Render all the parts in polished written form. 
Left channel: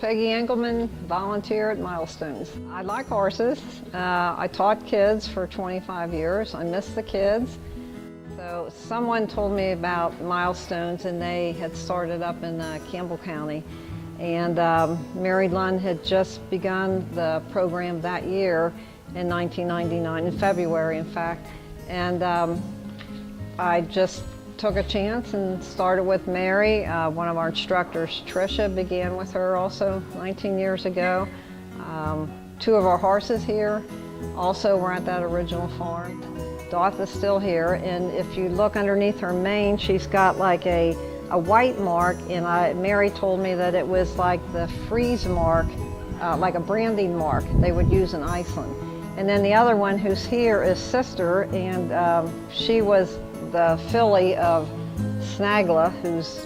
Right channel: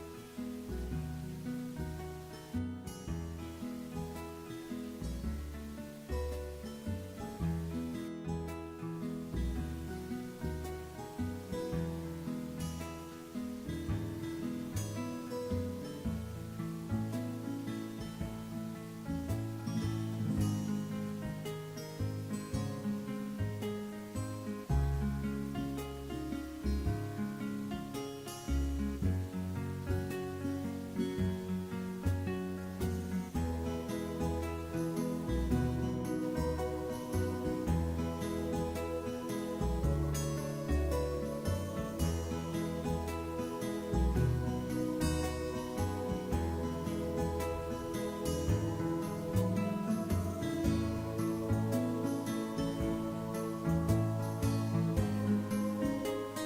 Peggy Engleman, volunteer at Milestones. I like horses. I taught kids for 25 years. I miss the kids. So someone told me about Milestones, and they had started up in Campbell County. And Mary Lund had just begun the program that year in 1999, in February in fact. And I just took a chance and started with Mary. One of our instructors, Tricia, began with her also 19 years ago. Two of our horses here also were at that original farm. Doth is still here, and if you look underneath her mane, she's got like a white mark, and Mary told me that it was like the freeze mark, like a branding mark they would use in Iceland. And then the other one who's here is Sister, and she was the filly of Snagla, who's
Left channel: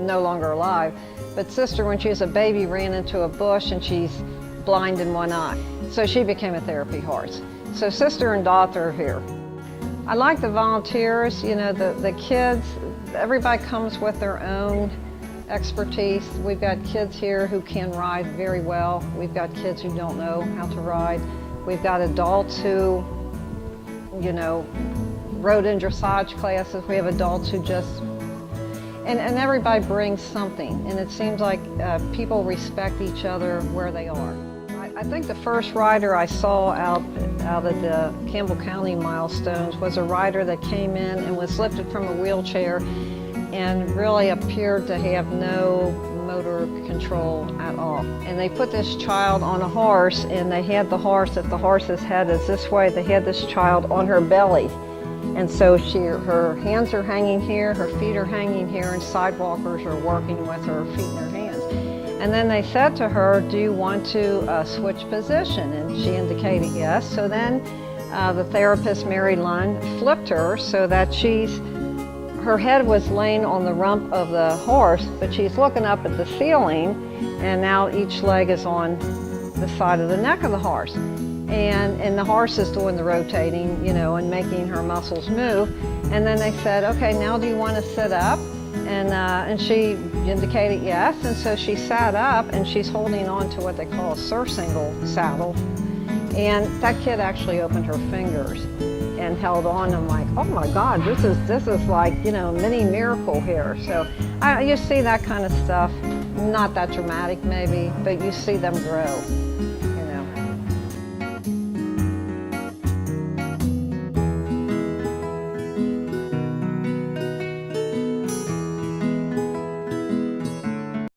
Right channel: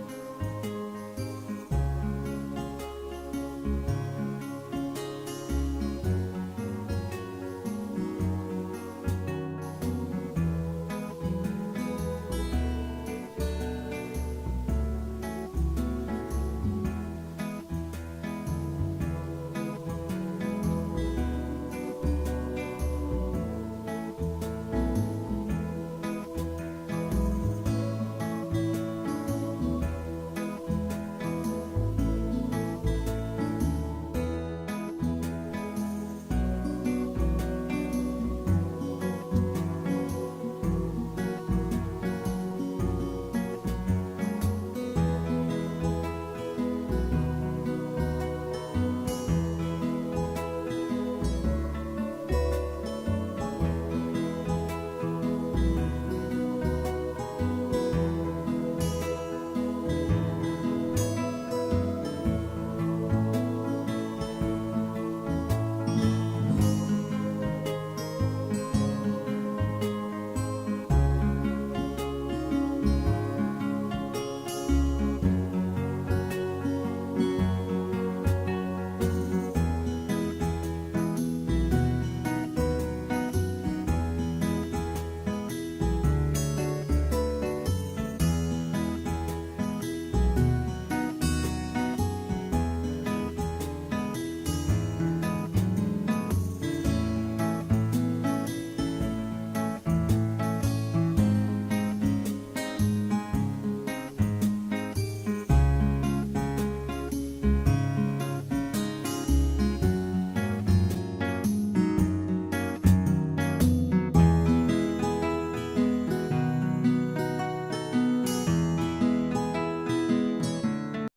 no longer alive. But Sister, when she was a baby, ran into a bush, and she's blind in one eye. So she became a therapy horse. So Sister and Dot are here. I like the volunteers, you know, the kids, everybody comes with their own expertise. We've got kids here who can ride very well. We've got kids who don't know how to ride. We've got adults who, you know, rode in dressage classes. We have adults who just, and everybody brings something. And it seems like people respect each other where they are. I think the first rider I saw out at the Campbell County Milestones was a rider that came in and was lifted from a wheelchair and really appeared to have no motor control at all. And they put this child on a horse, and they had the horse, if the horse's head is this way, they had this child on her belly. And so her hands are hanging here, her feet are hanging here, and sidewalkers are working with her feet and her hands. And then they said to her, do you want to switch position? And she indicated yes. So then the therapist, Mary Lund, flipped her so that her head was laying on the rump of the horse, but she's looking up at the ceiling, and now each leg is on the side of the neck of the horse. And the horse is doing the rotating, you know, and making her muscles move. And then they said, okay, now do you want to sit up? And she indicated yes, and so she sat up, and she's holding on to what they call a surcingle saddle. And that kid actually opened her fingers and held on. I'm like, oh my God, this is like, you know, mini miracle here. So you see that kind of stuff, not that dramatic maybe, but you see them grow.